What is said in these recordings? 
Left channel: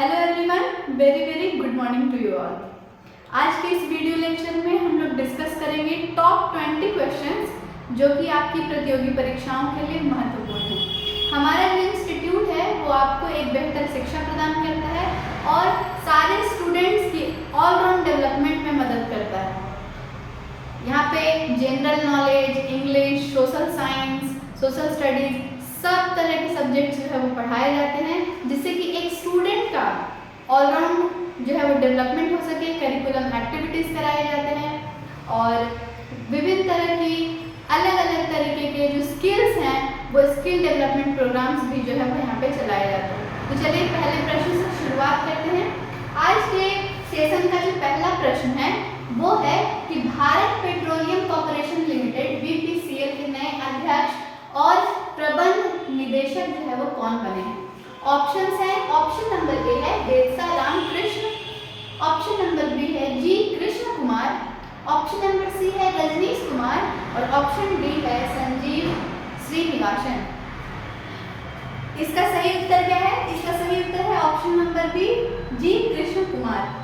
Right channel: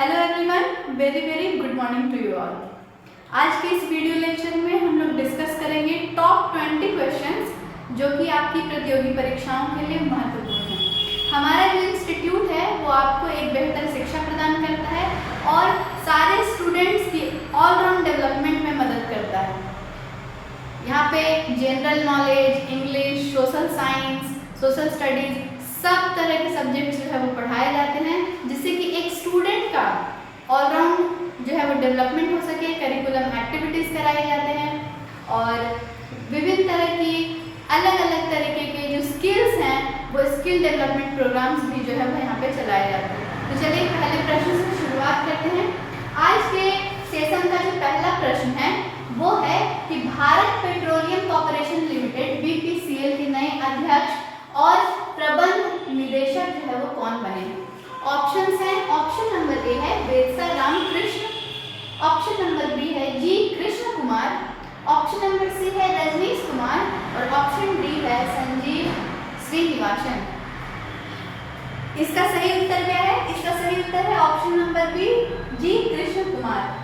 Hello everyone, very very good morning to you all. आज के इस वीडियो लेक्चर में हम लोग डिस्कस करेंगे टॉप 20 क्वेश्चंस जो कि आपकी प्रतियोगी परीक्षाओं के लिए महत्वपूर्ण हैं। हमारा जो इंस्टीट्यूट है वो आपको एक बेहतर शिक्षा प्रदान करता है और सारे स्टूडेंट्स की ऑलराउंड डेवलपमेंट में मदद करता है। यहाँ पे general knowledge, English, social science, social studies सब तरह के सब्जेक्ट्स जो है वो पढ़ाए जाते हैं, जिससे कि एक स्टूडेंट का ऑलराउंड जो है वो डेवलपमेंट हो सके। करिकुलम एक्टिविटीज़ कराए जाते हैं और विभिन्न तरह की अलग अलग तरीके के जो स्किल्स हैं वो स्किल डेवलपमेंट प्रोग्राम्स भी जो है वो यहाँ पे चलाए जाते हैं। तो चलिए पहले प्रश्न से शुरुआत करते हैं। आज के सेशन का जो पहला प्रश्न है वो है कि Bharat petroleum corporation limited BPCL के नए अध्यक्ष और प्रबंध निदेशक जो है वो कौन बने हैं। ऑप्शंस हैं, ऑप्शन नंबर ए है Betsa Ramakrishna, option number B है G Krishna Kumar, option number C है रजनीश कुमार और ऑप्शन डी है संजीव श्रीनिवासन। इसका सही उत्तर क्या है? इसका सही उत्तर है ऑप्शन नंबर बी जी कृष्ण कुमार।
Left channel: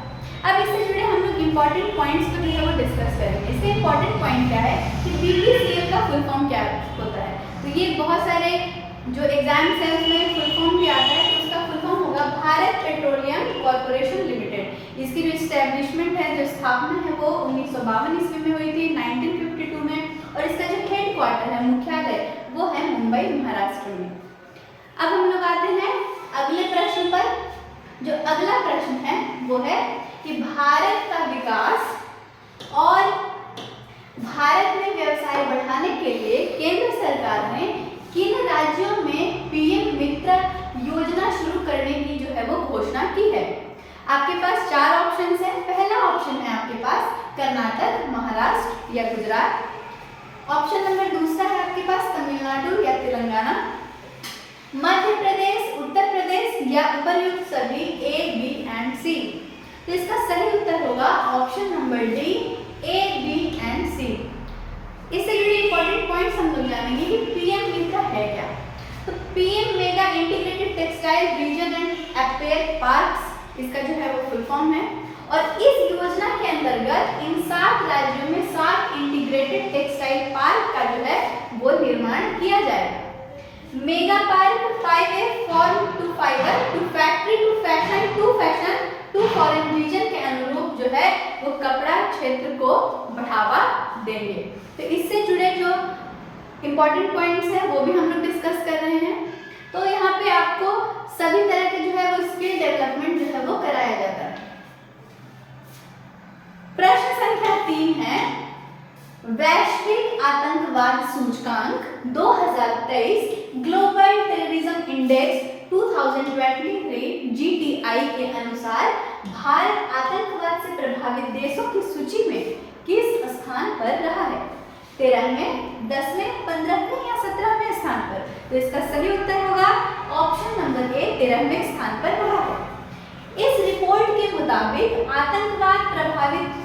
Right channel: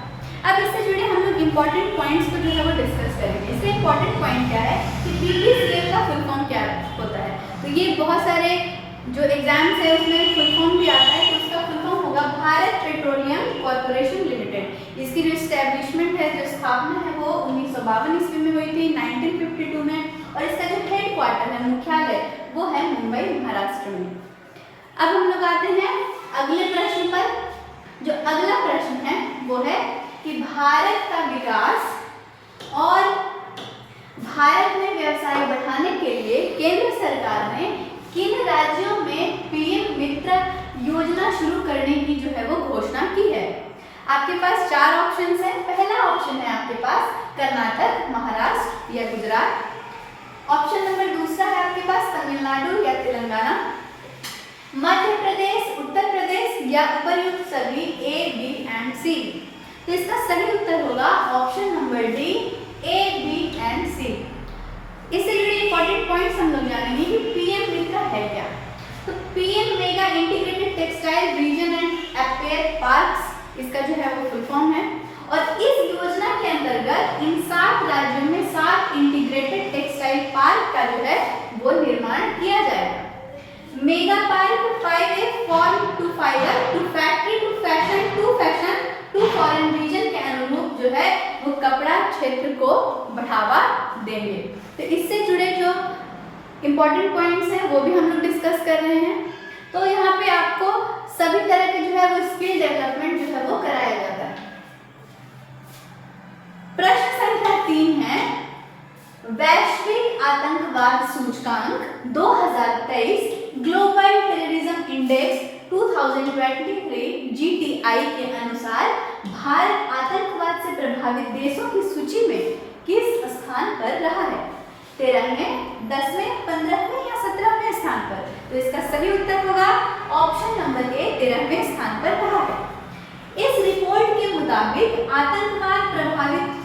अब इससे जुड़े हम लोग इम्पोर्टेंट पॉइंट्स को जो है वो डिस्कस करेंगे। इससे इम्पोर्टेंट पॉइंट क्या है कि BPCL का फुल फॉर्म क्या होता है। तो ये बहुत सारे जो एग्जाम्स है उसमें फुल फॉर्म भी आता है, तो उसका फुल फॉर्म होगा भारत पेट्रोलियम कॉर्पोरेशन लिमिटेड। इसकी जो इस्टेब्लिशमेंट है, जो स्थापना है वो 1952 ईस्वी में हुई थी, 1952 में, और इसका जो हेड क्वार्टर है, मुख्यालय, वो है मुंबई, महाराष्ट्र में। अब हम लोग आते हैं अगले प्रश्न पर। जो अगला प्रश्न है वो है कि भारत का विकास और भारत में व्यवसाय बढ़ाने के लिए केंद्र सरकार ने किन राज्यों में PM मित्र योजना शुरू करने की जो है वो घोषणा की है। आपके पास 4 ऑप्शंस हैं। पहला ऑप्शन है आपके पास कर्नाटक, महाराष्ट्र या गुजरात। ऑप्शन नंबर दूसरा है आपके पास तमिलनाडु या तेलंगाना, मध्य प्रदेश, उत्तर प्रदेश या उपर्युक्त सभी A, B एंड C। तो इसका सही उत्तर होगा option number D A, B and C। इससे जुड़े इंपॉर्टेंट पॉइंट्स हम लोग जानेंगे कि PM मित्र है क्या। तो PM mega integrated textile reason and appear parks, इसका जो है वो फुल फॉर्म है। और इस योजना के अंतर्गत इन 7 राज्यों में 7 इंटीग्रेटेड टेक्सटाइल पार्क का जो है वो निर्माण किया जाएगा। Mega park 5A farm to fibre to factory to fashion to foreign region के अनुरूप जो है वो कपड़ा क्षेत्र को बढ़ावा देंगे। तो इससे जुड़े जो इम्पोर्टेंट पॉइंट्स हैं वो भी हम लोग डिस्कस कर रहे हैं। तो यहाँ पे आपको सभी तरह के जो है वो स्किल डेवलपमेंट जो है वो कराया जाता है। प्रश्न संख्या 3 है वैश्विक आतंकवाद सूचकांक 2023 ग्लोबल टेररिज्म इंडेक्स 2023 GTI के अनुसार भारत आतंकवाद से प्रभावित देशों की सूची में किस स्थान पर रहा है? 13वें, 10वें, 15वें या 17वें स्थान पर? तो इसका सही उत्तर होगा ऑप्शन नंबर ए 13वें स्थान पर रहा है। इस रिपोर्ट के मुताबिक आतंकवाद प्रभावित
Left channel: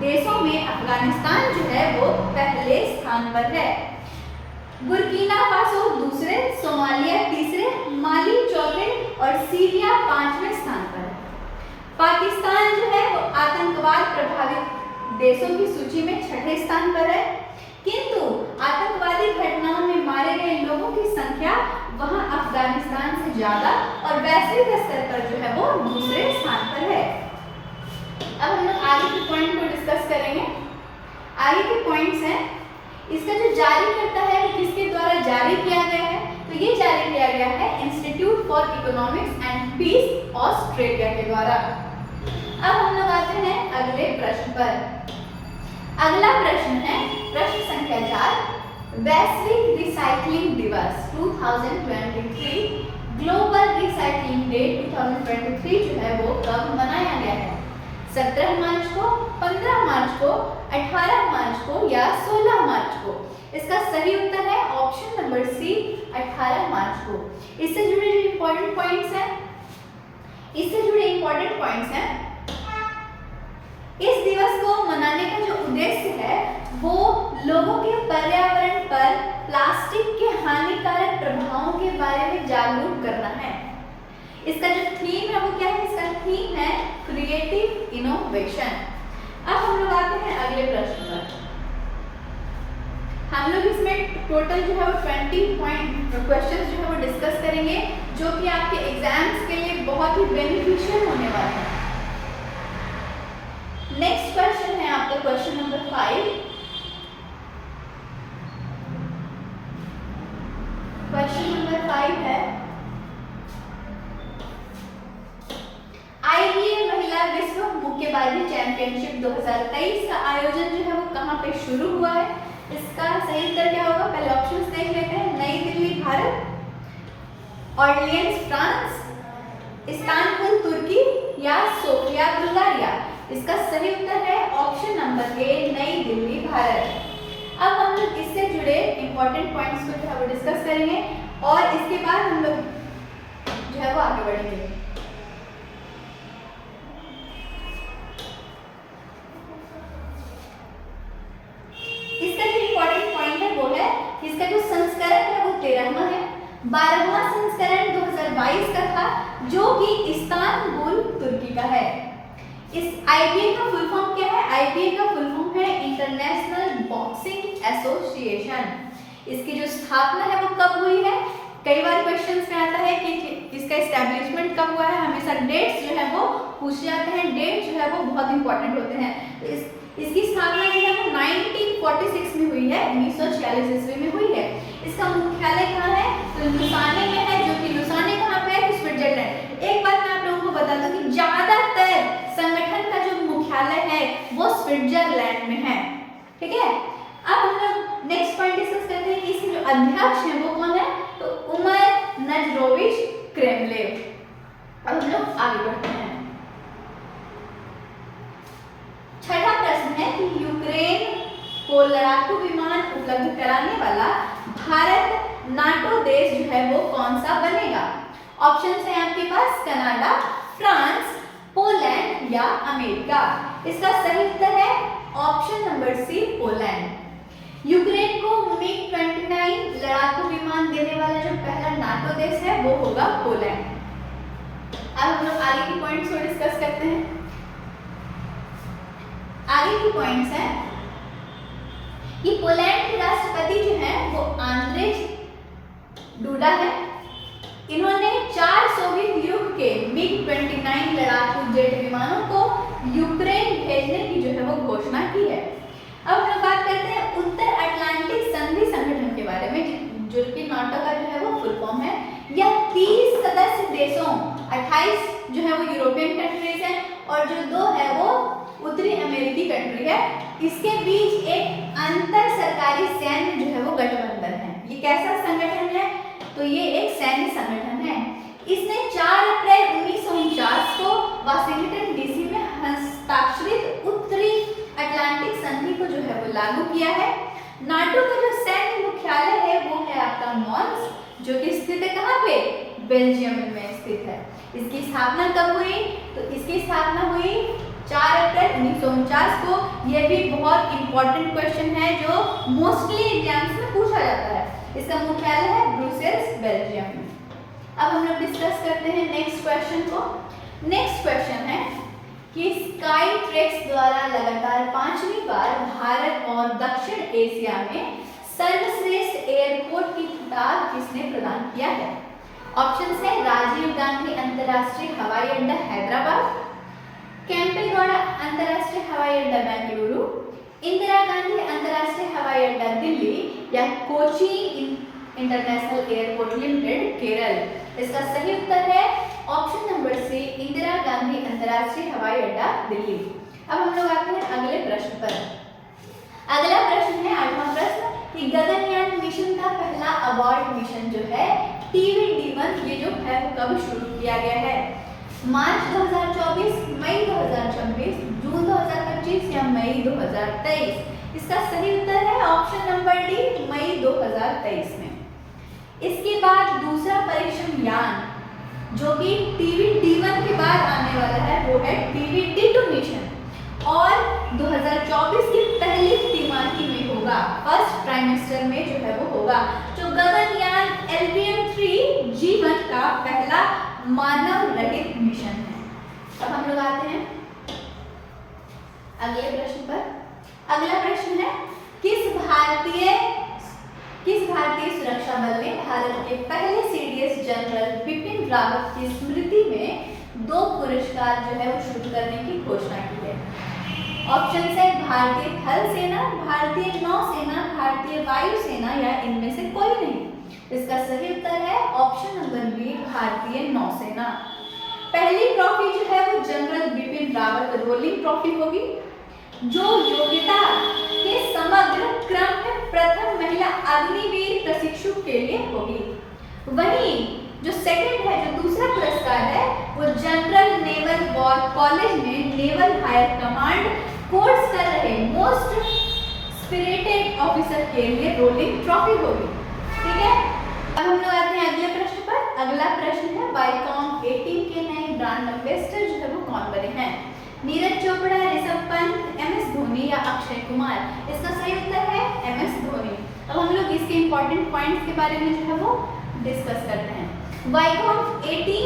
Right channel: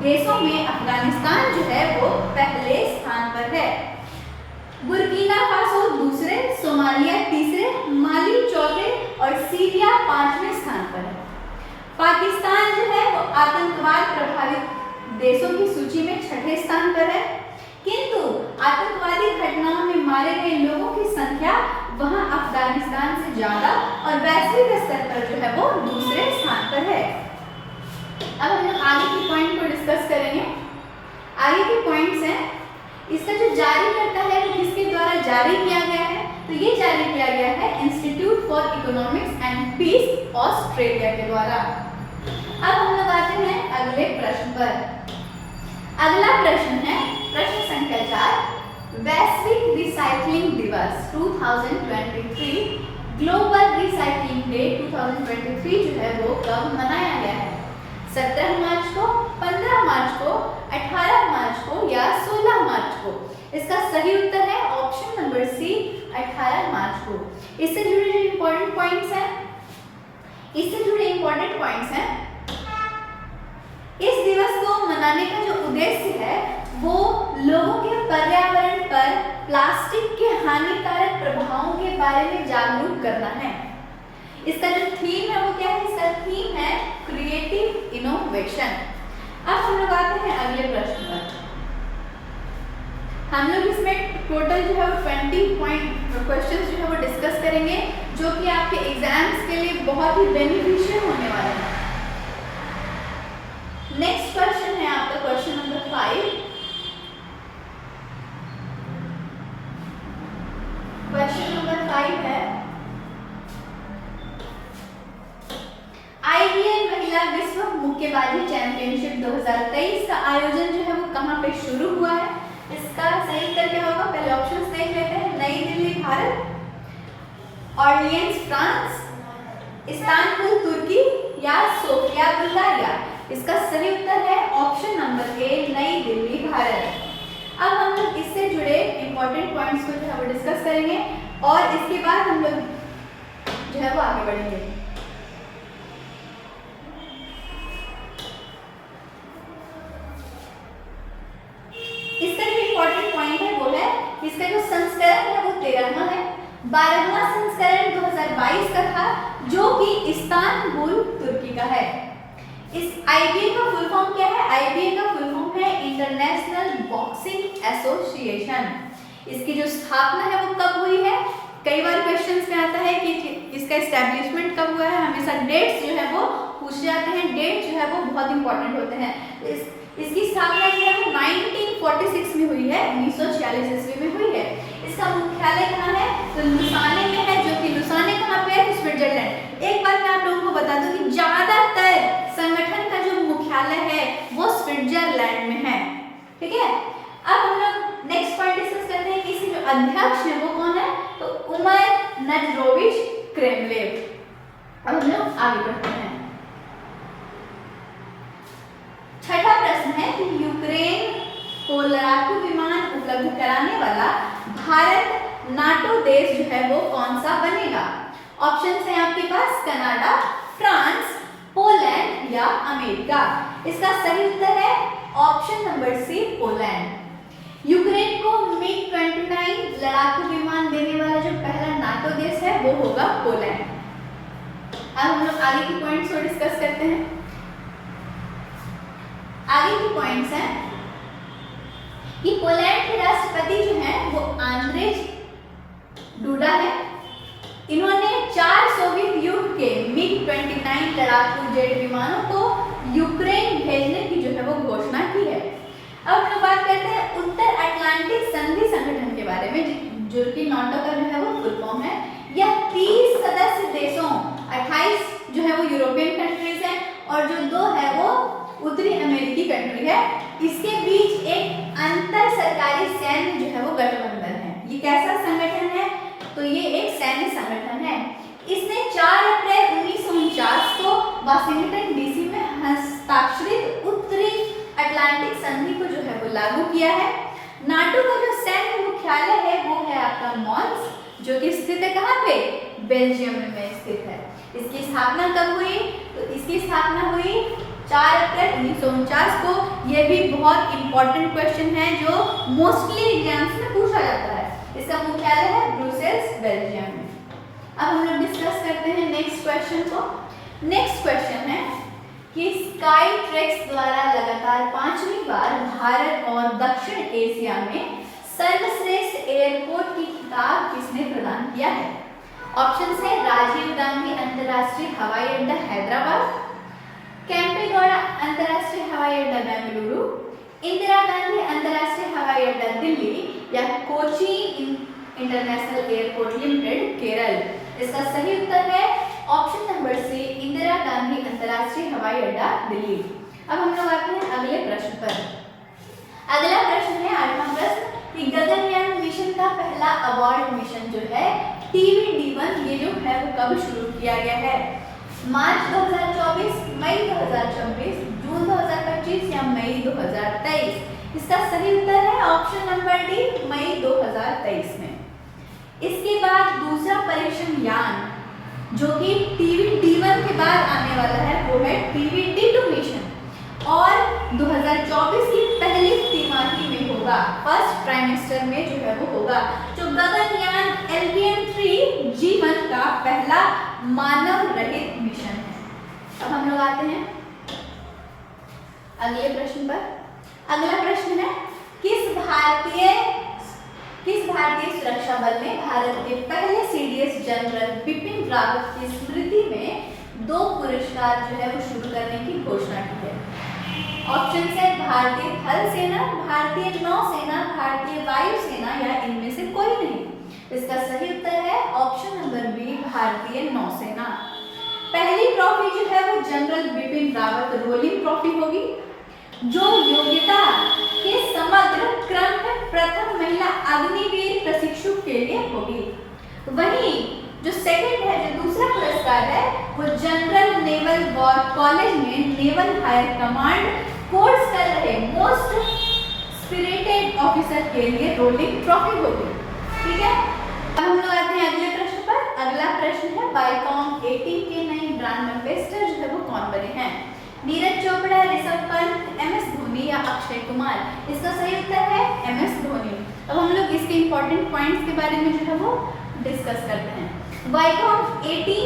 देशों में अफगानिस्तान जो है वो पहले स्थान पर है, बुर्किना फासो दूसरे, सोमालिया तीसरे, माली चौथे और सीरिया 5वें स्थान पर है। पाकिस्तान जो है वो आतंकवाद प्रभावित देशों की सूची में 6ठे स्थान पर है, किंतु आतंकवादी घटनाओं में मारे गए लोगों की संख्या वहां अफगानिस्तान से ज्यादा और वैश्विक स्तर पर जो है वो दूसरे स्थान पर है। अब हम लोग आगे के पॉइंट को डिस्कस करेंगे। आगे के पॉइंट्स हैं, इसका जो जारी करता है वो किसके द्वारा जारी किया गया है? तो ये जारी किया गया है institute for economics and peace Australia के द्वारा। अब हम लोग आते हैं अगले प्रश्न पर। अगला प्रश्न है प्रश्न संख्या 4 वैश्विक रिसाइकलिंग दिवस 2023 ग्लोबल रिसाइकलिंग डे 2023 जो है वो कब मनाया गया है? 17 मार्च को, 15 मार्च को, 18 मार्च को या 16 मार्च को? इसका सही उत्तर है ऑप्शन नंबर सी 18 मार्च को। इससे जुड़े जो इम्पोर्टेंट पॉइंट्स हैं, इस दिवस को मनाने का जो उद्देश्य है वो लोगों के पर्यावरण पर प्लास्टिक के हानिकारक प्रभावों के बारे में जागरूक करना है। इसका जो थीम है वो क्या है? इसका थीम है क्रिएटिव इनोवेशन। अब हम लोग आते हैं अगले प्रश्न पर। हम लोग इसमें टोटल जो है वो 20 क्वेश्चंस जो है वो डिस्कस करेंगे, जो कि आपके एग्जाम्स के लिए बहुत ही बेनिफिशियल होने वाले हैं। नेक्स्ट क्वेश्चन है आपका क्वेश्चन नंबर 5। क्वेश्चन नंबर 5 है IBA महिला विश्व मुक्केबाजी चैंपियनशिप 2023 का आयोजन जो है वो कहाँ पे शुरू हुआ है? इसका सही उत्तर क्या होगा? पहले ऑप्शंस देख लेते हैं। नई Delhi Bharat, Orleans France, Istanbul तुर्की या सोफिया बुल्गारिया। इसका सही उत्तर है ऑप्शन नंबर ए, नई दिल्ली भारत। अब हम लोग इससे जुड़े इंपॉर्टेंट पॉइंट्स को जो है वो डिस्कस करेंगे और इसके बाद हम लोग जो है वो आगे बढ़ेंगे। इसका जो इंपॉर्टेंट पॉइंट है वो है इसका जो संस्करण है वो 13वां है। 12वां संस्करण 2022 का था, जो कि इस्तांबुल तुर्की का है। इस IBA का फुल फॉर्म क्या है? IBA का फुल फॉर्म है इंटरनेशनल बॉक्सिंग एसोसिएशन। इसकी जो स्थापना है वो कब हुई है? कई बार क्वेश्चंस में आता है कि इसका एस्टैब्लिशमेंट कब हुआ है। हमेशा डेट्स जो है वो पूछे जाते हैं। डेट जो है वो बहुत इंपॉर्टेंट होते हैं। तो इसकी स्थापना जो है वो 1946 में हुई है, 1946 ईस्वी में हुई है। इसका मुख्यालय कहाँ है? तो लुसाने में है, जो कि लुसाने कहाँ पे है? तो स्विट्जरलैंड। एक बात मैं आप लोगों को बता दूं कि ज्यादातर संगठन का जो मुख्यालय है वो स्विट्जरलैंड में है। ठीक है, अब हम लोग नेक्स्ट पॉइंट डिस्कस करते हैं कि इसके जो अध्यक्ष हैं वो कौन है? तो उमर नजरोविच क्रेमलेव। अब हम लोग आगे बढ़ते हैं। छठा प्रश्न है कि यूक्रेन को लड़ाकू विमान उपलब्ध कराने वाला भारत नाटो देश जो है वो कौन सा बनेगा? ऑप्शंस हैं आपके पास कनाडा, फ्रांस, पोलैंड या अमेरिका। इसका सही उत्तर है option number C, Poland. Ukraine को MiG-29 लड़ाकू विमान देने वाला जो पहला नाटो देश है वो होगा पोलैंड। अब हम लोग आगे की पॉइंट्स को डिस्कस करते हैं। आगे की पॉइंट्स हैं कि पोलैंड के राष्ट्रपति जो हैं वो आंद्रेज डूडा है। इन्होंने 4 सोवियत युग के MiG-29 लड़ाकू जेट विमानों को यूक्रेन भेजने की जो है वो घोषणा की है। अब हम लोग बात करते हैं उत्तर अटलांटिक संधि संगठन के बारे में, जो कि नाटो का जो है वो फुल फॉर्म है। यह 30 सदस्य देशों, 28 जो है वो यूरोपियन कंट्रीज हैं और जो 2 है वो उत्तरी अमेरिकी कंट्री है। इसके बीच एक अंतर सरकारी सैन्य जो है वो गठबंधन है। ये कैसा संगठन है? तो ये एक सैन्य संगठन है। इसने 4 अप्रैल 1949 को वाशिंगटन डीसी में हस्ताक्षरित उत्तरी अटलांटिक संधि को जो है वो लागू किया है। नाटो का जो सैन्य मुख्यालय है वो है आपका मॉन्स, जो कि स्थित है कहाँ पे? बेल्जियम में स्थित है। इसकी स्थापना कब हुई? तो इसकी स्थापना हुई 4 अप्रैल 1949 को। यह भी बहुत इंपॉर्टेंट क्वेश्चन है जो मोस्टली एग्जाम्स में पूछा जाता है। इसका मुख्यालय है ब्रुसेल्स, बेल्जियम में। अब हम लोग डिस्कस करते हैं नेक्स्ट क्वेश्चन को। नेक्स्ट क्वेश्चन है कि स्काई ट्रैक्स द्वारा लगातार 5वीं बार भारत और दक्षिण एशिया में सर्वश्रेष्ठ एयरपोर्ट की खिताब किसने प्रदान किया है? ऑप्शंस है राजीव गांधी अंतर्राष्ट्रीय हवाई अड्डा हैदराबाद, केम्पेगौड़ा अंतर्राष्ट्रीय हवाई अड्डा बेंगलुरु, इंदिरा गांधी अंतर्राष्ट्रीय हवाई अड्डा दिल्ली या Kochi international airport limited Kerala. इसका सही उत्तर है option number C, Indira Gandhi अंतर्राष्ट्रीय हवाई अड्डा दिल्ली। अब हम लोग आते हैं अगले प्रश्न पर। अगला प्रश्न है 8वां प्रश्न कि गगनयान मिशन का पहला अबॉर्ड मिशन जो है TVD-1, ये जो है वो कब शुरू किया गया है? मार्च 2024, मई 2026, जून 2025 या मई 2023? इसका सही उत्तर है ऑप्शन नंबर डी, मई 2023 में। इसके बाद दूसरा परीक्षण यान जो कि TVD-1 के बाद आने वाला है वो है TVD-2 मिशन और 2024 की पहली तिमाही में होगा, फर्स्ट ट्राइमेस्टर में जो है वो होगा। जो गगनयान LVM-3 G1 का पहला मानव रहित मिशन है। अब हम लोग आते हैं अगले प्रश्न पर। अगला प्रश्न है, किस भारतीय सुरक्षा बल ने भारत के पहले सीडीएस जनरल बिपिन रावत की स्मृति में 2 पुरस्कार जो है वो शुरू करने की घोषणा की है? ऑप्शन है भारतीय थल सेना, भारतीय नौसेना, भारतीय वायुसेना या इनमें से कोई नहीं। इसका सही उत्तर है ऑप्शन नंबर बी, भारतीय नौसेना। पहली ट्रॉफी जो है वो general Bipin Rawat rolling trophy होगी, जो योग्यता के समग्र क्रम में प्रथम महिला अग्निवीर प्रशिक्षु के लिए होगी। वहीं जो सेकंड है, जो दूसरा पुरस्कार है, वो जनरल नेवल वॉर कॉलेज में नेवल हायर कमांड कोर्स कर रहे मोस्ट स्पिरिटेड ऑफिसर के लिए रोलिंग ट्रॉफी होगी। ठीक है, अब हम लोग आते हैं अगले प्रश्न पर। अगला प्रश्न है, वाईकॉम 18 के नए ब्रांड एम्बेसडर जो है वो कौन बने हैं? नीरज चोपड़ा, ऋषभ पंत, एमएस धोनी या अक्षय कुमार? इसका सही उत्तर है एमएस धोनी। अब हम लोग इसके इंपॉर्टेंट पॉइंट्स के बारे में जो है वो डिस्कस करते हैं। वाईकॉम 18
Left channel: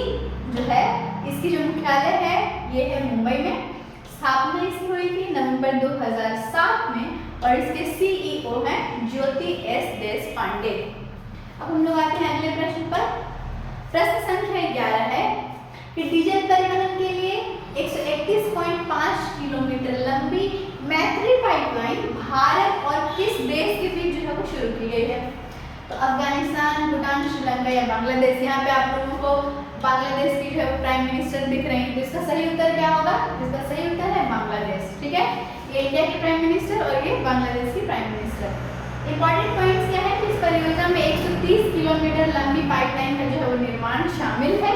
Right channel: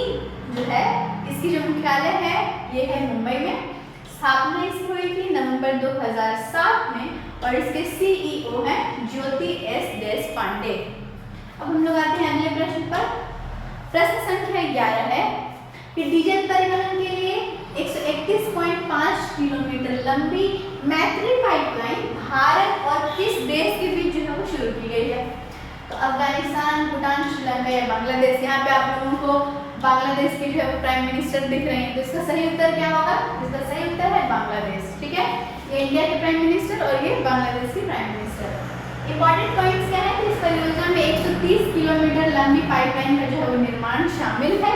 जो है, इसकी जो मुख्यालय है ये है मुंबई में। स्थापना इसकी हुई थी नवंबर 2007 में और इसके सीईओ हैं ज्योति एस देशपांडे। अब हम लोग आते हैं अगले प्रश्न पर। प्रश्न संख्या 11 है कि डीजल परिवहन के लिए 131.5 किलोमीटर लंबी मैत्री पाइपलाइन भारत और किस देश के बीच जो है वो शुरू की गई है? तो अफगानिस्तान, भूटान, श्रीलंका या बांग्लादेश? यहाँ पे आप लोगों को बांग्लादेश की जो है प्राइम मिनिस्टर दिख रहे हैं, तो इसका सही उत्तर क्या होगा? इसका सही उत्तर है बांग्लादेश। ठीक है, ये इंडिया के प्राइम मिनिस्टर और ये बांग्लादेश की प्राइम मिनिस्टर। इंपॉर्टेंट पॉइंट्स क्या है कि इस परियोजना में 130 किलोमीटर लंबी पाइपलाइन का जो है वो निर्माण शामिल है,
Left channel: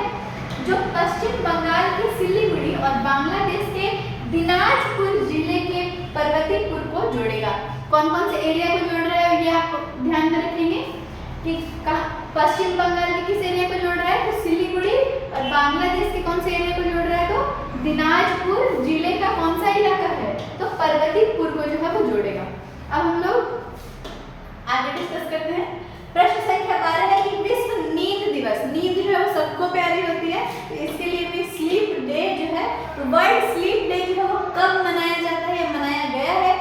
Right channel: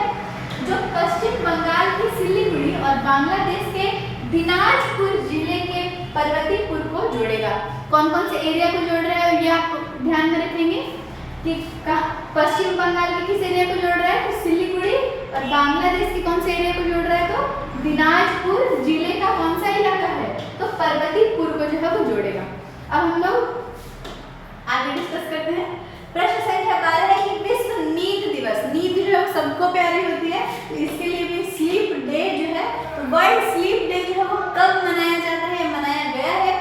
जो पश्चिम बंगाल के सिलीगुड़ी और बांग्लादेश के दिनाजपुर जिले के पर्वतीपुर को जोड़ेगा। कौन कौन से एरिया को जोड़ रहा है ये आप ध्यान में रखेंगे कि पश्चिम बंगाल के किस एरिया को जोड़ रहा है? तो सिलीगुड़ी। और बांग्लादेश के कौन से एरिया को जोड़ रहा है? तो दिनाजपुर जिले का कौन सा इलाका है? तो पर्वतीपुर को जो है वो जोड़ेगा। अब हम लोग आगे डिस्कस करते हैं। प्रश्न संख्या 12 है कि विश्व नींद दिवस, नींद जो है वो सबको प्यारी होती है, तो इसके लिए भी स्लीप डे जो है, वर्ल्ड स्लीप डे जो है वो कब मनाया जाता है या मनाया गया है?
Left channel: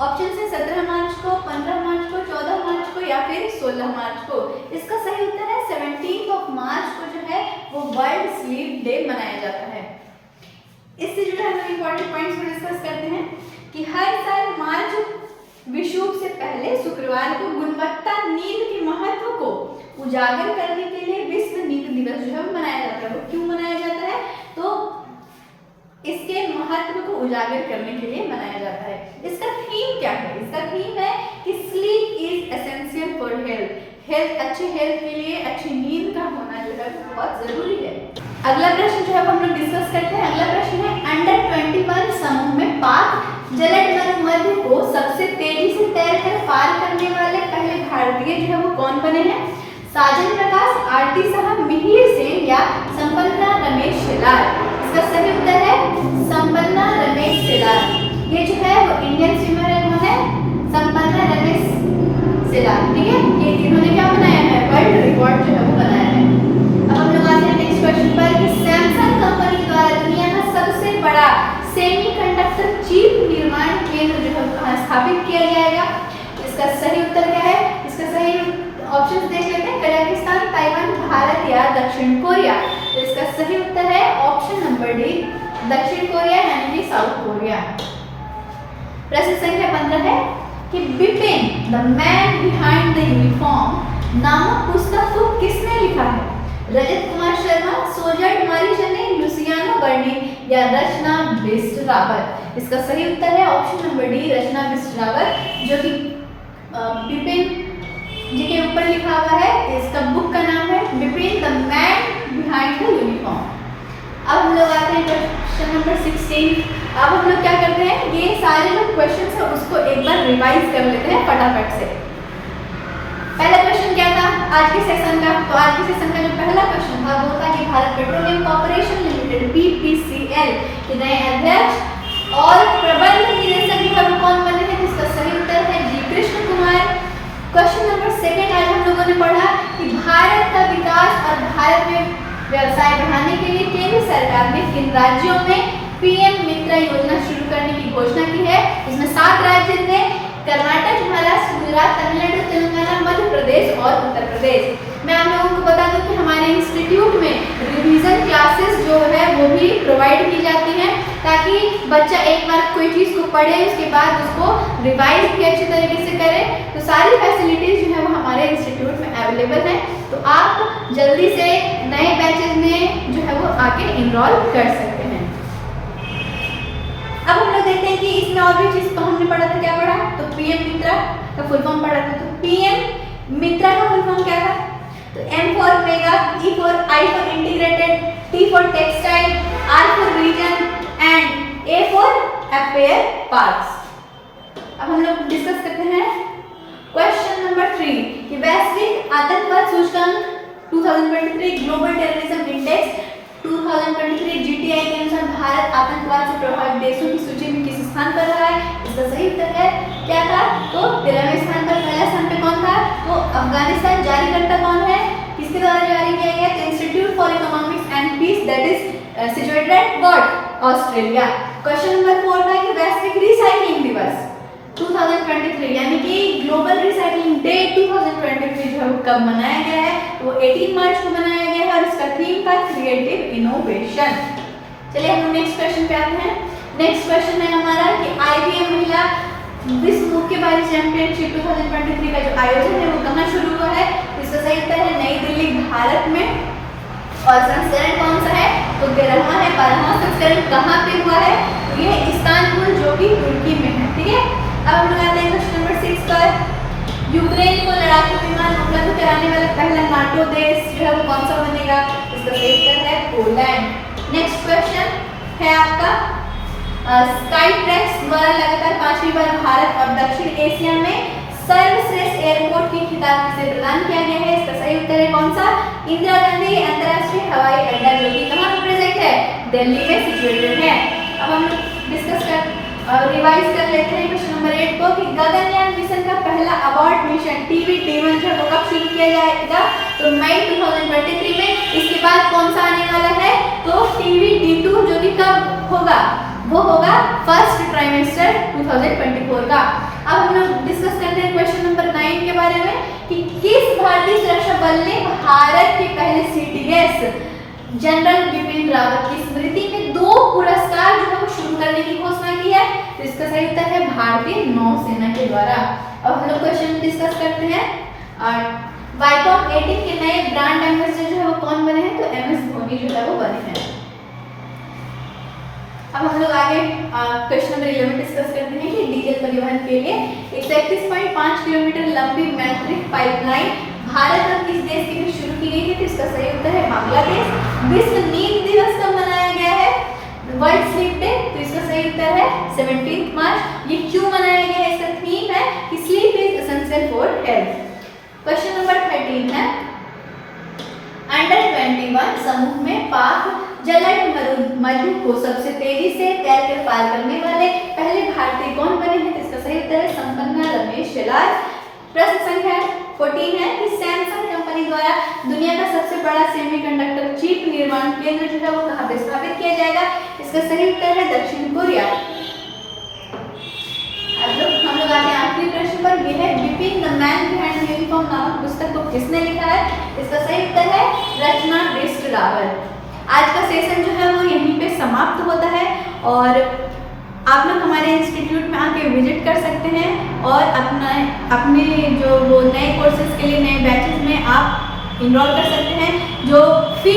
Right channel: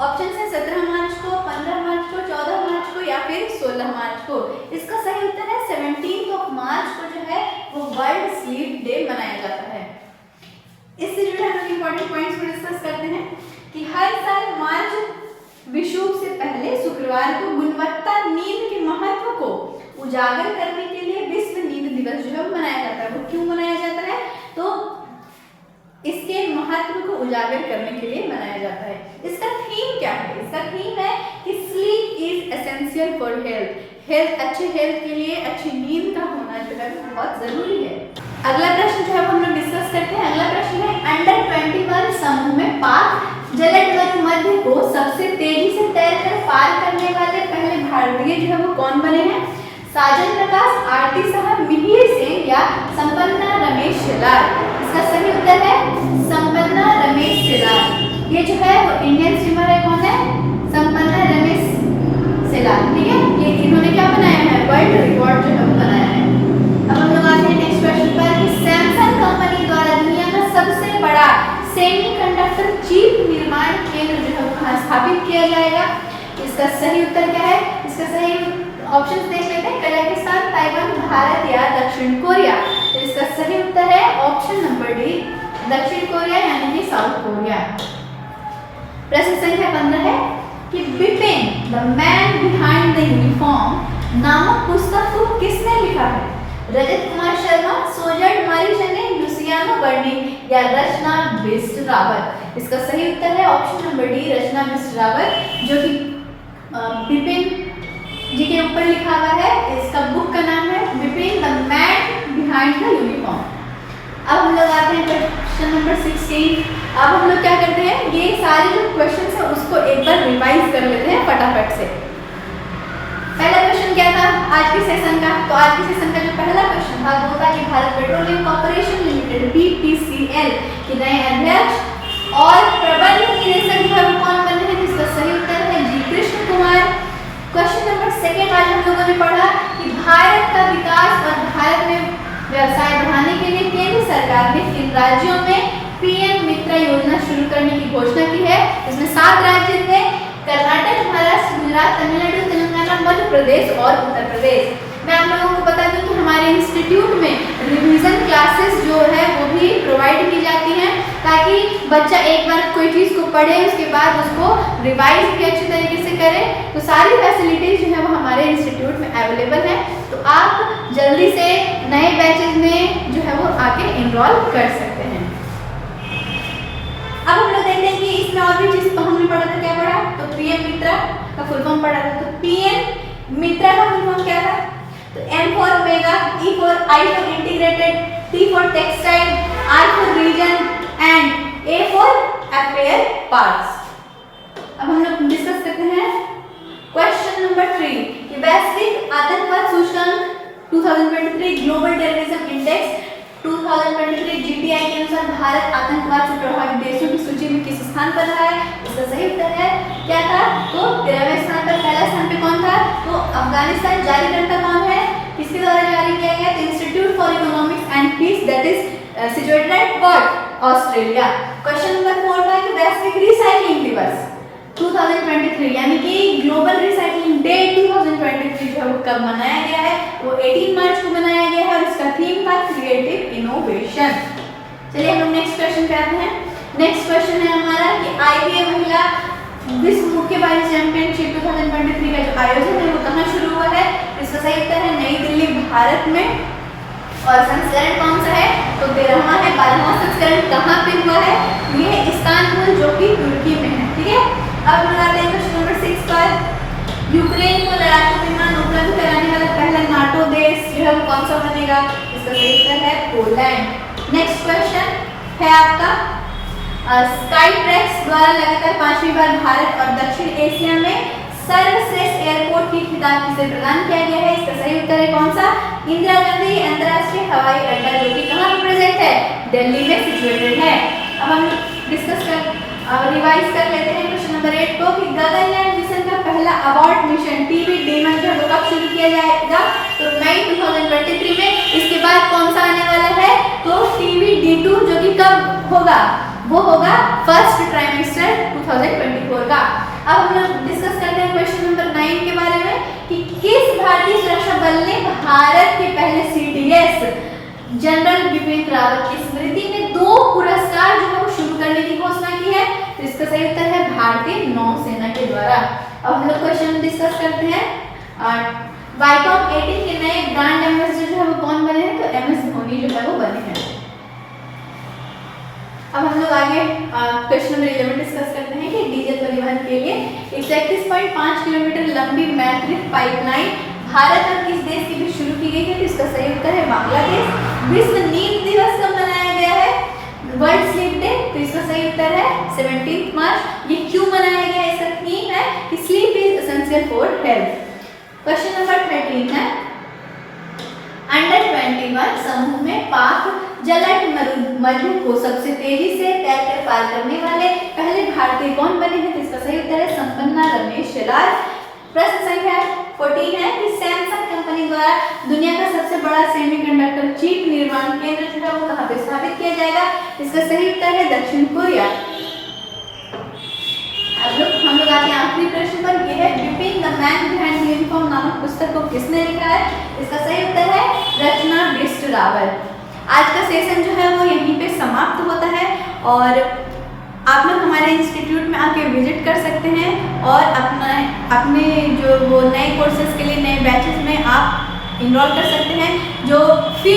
ऑप्शन है 17 मार्च को, 15 मार्च को, 14 मार्च को या फिर 16 मार्च को? इसका सही उत्तर है 17 मार्च को जो है वो वर्ल्ड स्लीप डे मनाया जाता है। इससे जुड़े हम लोग इंपॉर्टेंट पॉइंट्स को डिस्कस करते हैं कि हर साल मार्च विषुव से पहले शुक्रवार को गुणवत्ता नींद के महत्व को उजागर करने के लिए विश्व नींद दिवस जो है मनाया जाता है। वो क्यों मनाया जाता है? तो इसके महत्व को उजागर करने के लिए मनाया जाता है। इसका थीम क्या है? इसका थीम है कि sleep is essential for health. अच्छे हेल्थ के लिए अच्छी नींद का होना जो है बहुत जरूरी है। अगला प्रश्न जो है हम लोग डिस्कस करते हैं। अगला प्रश्न है, अंडर 21 समूह में पाक जलद मध्य को सबसे तेजी से तैरकर पार करने वाले पहले भारतीय जो है वो कौन बने हैं? साजन प्रकाश, आरती साहब, मिहिर सेन या संपन्ना रमेश शेलार? इसका सही उत्तर है संपन्ना रमेश शेलार। ये जो है वो इंडियन स्विमर है, कौन है? संपन्ना रमेश शेलार। ठीक है, ये इन्होंने क्या बनाया है? वर्ल्ड रिकॉर्ड जो है वो बनाया है। अब हम लोग आते हैं नेक्स्ट क्वेश्चन पर कि सैमसंग कंपनी द्वारा दुनिया का सबसे बड़ा सेमीकंडक्टर चिप निर्माण केंद्र जो है कहाँ स्थापित किया जाएगा? इसका सही उत्तर क्या है? इसका सही ऑप्शन देख लेते हैं, कजाकिस्तान, ताइवान, भारत या दक्षिण कोरिया? तो इसका सही उत्तर है ऑप्शन नंबर डी, दक्षिण कोरिया यानी कि साउथ कोरिया। प्रश्न संख्या 15 है कि Bipin the man behind the uniform नामक पुस्तक को किसने लिखा है? रजत कुमार शर्मा, सोजर्ड मरीजने, लुसियानो बर्नी या रचना बिष्ट रावत? इसका सही उत्तर है ऑप्शन नंबर डी, रचना बिष्ट रावत, जो कि बिपिन जी के ऊपर लिखा हुआ है। इसका बुक का नाम है Bipin the man behind the uniform. अब हम लोग आते हैं क्वेश्चन नंबर 16। अब हम लोग क्या करते हैं, ये सारे जो क्वेश्चन है उसको एक बार रिवाइज कर लेते हैं फटाफट से। पहला क्वेश्चन क्या था आज के सेशन का? तो आज के सेशन का जो पहला क्वेश्चन था वो था कि Bharat petroleum corporation limited BPCL के नए अध्यक्ष और प्रबंध निदेशक जो है कौन बने हैं? जिसका सही उत्तर है G Krishna Kumar. Question number 2 आज हम लोगों ने पढ़ा कि भारत का विकास और भारत में व्यवसाय बढ़ाने के लिए केंद्र सरकार ने किन राज्यों में पीएम मित्र योजना शुरू करने की घोषणा की है? इसमें 7 राज्य थे, कर्नाटक, महाराष्ट्र, गुजरात, तमिलनाडु, तेलंगाना, मध्य प्रदेश और उत्तर प्रदेश। मैं आप लोगों को बता दूं कि हमारे इंस्टीट्यूट में रिवीजन क्लासेस जो है वो भी प्रोवाइड की जाती हैं, ताकि बच्चा एक बार कोई चीज़ को पढ़े उसके बाद उसको रिवाइज भी अच्छी तरीके से करे। तो सारी फैसिलिटीज़ जो है वो हमारे इंस्टीट्यूट में अवेलेबल हैं, तो आप जल्दी से नए बैचेज में जो है वो आके इनरोल कर सकते हैं। अब हम लोग देखते हैं कि इसमें और भी चीज़ हमने पढ़ा था, क्या पढ़ा? तो पीएम मित्रा का फुल फॉर्म पढ़ा था। तो पीएम मित्रा का फुल फॉर्म क्या था? तो M for mega, E for I for integrated, T for textile, R for region and A for affair parts। अब हम लोग डिस्कस करते हैं क्वेश्चन नंबर 3 कि वैश्विक आतंकवाद सूचकांक 2023 ग्लोबल टेररिज्म इंडेक्स 2023 GTI के अनुसार भारत आतंकवाद से प्रभावित देशों की सूची में किस स्थान पर रहा है? इसका सही उत्तर है क्या था? तो 13वें स्थान पर। पहला स्थान पे कौन था? तो अफगानिस्तान। जारीकर्ता कौन है? किसके द्वारा जारी किया गया? तो institute for economics and peace, that is situated at what? Australia. Question number 4 था कि वैश्विक रिसाइकलिंग दिवस 2023 यानी कि ग्लोबल रिसाइकलिंग डे 2023 जो है वो कब मनाया गया है? वो 18 मार्च को मनाया गया है और इसका थीम था क्रिएटिव इनोवेशन। चलिए हम नेक्स्ट क्वेश्चन पे आते हैं। नेक्स्ट क्वेश्चन है हमारा कि IBA महिला विश्व मुक्केबाजी चैंपियनशिप 2023 का जो आयोजन है वो कहाँ शुरू हुआ है? इसका सही उत्तर है नई दिल्ली, भारत में। और संस्करण कौन सा है? तो 13वां है। 12वां संस्करण कहाँ पे हुआ है? ये है इस्तांबुल जो कि तुर्की में है। ठीक है, अब हम आते हैं क्वेश्चन नंबर 6 पर। यूक्रेन को लड़ाकू विमान उपलब्ध कराने वाला पहला नाटो देश जो है वो कौन सा बनेगा? इसका सही उत्तर है पोलैंड। नेक्स्ट क्वेश्चन है आपका स्काईट्रैक्स द्वारा लगातार 5वीं बार भारत और दक्षिण एशिया में सर्वश्रेष्ठ एयरपोर्ट की खिताब किसे प्रदान किया गया है? इसका सही उत्तर है कौन सा? इंदिरा गांधी अंतर्राष्ट्रीय हवाई अड्डा जो कि कहाँ पर प्रेजेंट है? दिल्ली में सिचुएटेड है। अब हम डिस्कस रिवाइज कर लेते हैं क्वेश्चन नंबर 8 को कि गगनयान मिशन का पहला अबॉर्ट मिशन TB-D1 जो कब शुरू किया जाएगा? तो मई 2023 में। इसके बाद कौन सा आने वाला है? तो TB-D2 जो कि कब होगा? वो होगा फर्स्ट ट्राइमेस्टर 2024 का। अब हम लोग डिस्कस करते हैं क्वेश्चन नंबर 9 के बारे में कि किस भारतीय सुरक्षा बल ने भारत के पहले CTS जनरल बिपिन रावत की स्मृति में 2 पुरस्कार जो है वो शुरू करने की घोषणा की है? तो इसका सही उत्तर है भारतीय नौसेना के द्वारा। अब हम लोग क्वेश्चन डिस्कस करते हैं। वाईकॉम 18 के नए ब्रांड एम्बेसडर जो है वो कौन बने हैं? तो MS धोनी जो है वो बने हैं। अब हम लोग आगे क्वेश्चन नंबर 11 डिस्कस करते हैं कि डीजल परिवहन के लिए 131.5 किलोमीटर लंबी मैट्रिक पाइपलाइन भारत और किस देश के बीच शुरू की गई है? तो इसका सही उत्तर है बांग्लादेश। विश्व नींद दिवस कब मनाया गया है? World sleep day. तो इसका सही उत्तर है 17 मार्च। ये क्यों मनाया गया है? इसका थीम है कि sleep is essential for health. Question number 13 है अंडर 21 समूह में पाक जलट मधु को सबसे तेजी से तैरकर पार करने वाले पहले भारतीय कौन बने हैं? तो इसका सही उत्तर है संपन्ना रमेश शेलार। प्रश्न संख्या 14 है कि सैमसंग कंपनी द्वारा दुनिया का सबसे बड़ा सेमीकंडक्टर चिप निर्माण केंद्र जो है वो कहाँ पे स्थापित किया जाएगा? इसका सही उत्तर है दक्षिण कोरिया। हम लोग आते हैं आखिरी प्रश्न पर। यह है Bipin the man behind uniform नामक पुस्तक को किसने लिखा है? इसका सही उत्तर है रचना बिष्ट रावल। आज का सेशन जो है वो यहीं पे समाप्त होता है और आप लोग हमारे इंस्टीट्यूट में आके विजिट कर सकते हैं और अपने जो वो नए कोर्सेज के लिए नए बैचेस में आप इनरोल कर सकते हैं। जो फी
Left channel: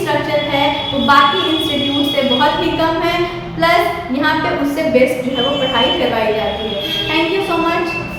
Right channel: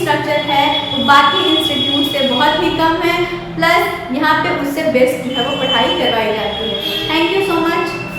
स्ट्रक्चर है वो बाकी इंस्टीट्यूट से बहुत ही कम है, प्लस यहाँ पे उससे बेस्ट जो है वो पढ़ाई करवाई जाती है। Thank you so much.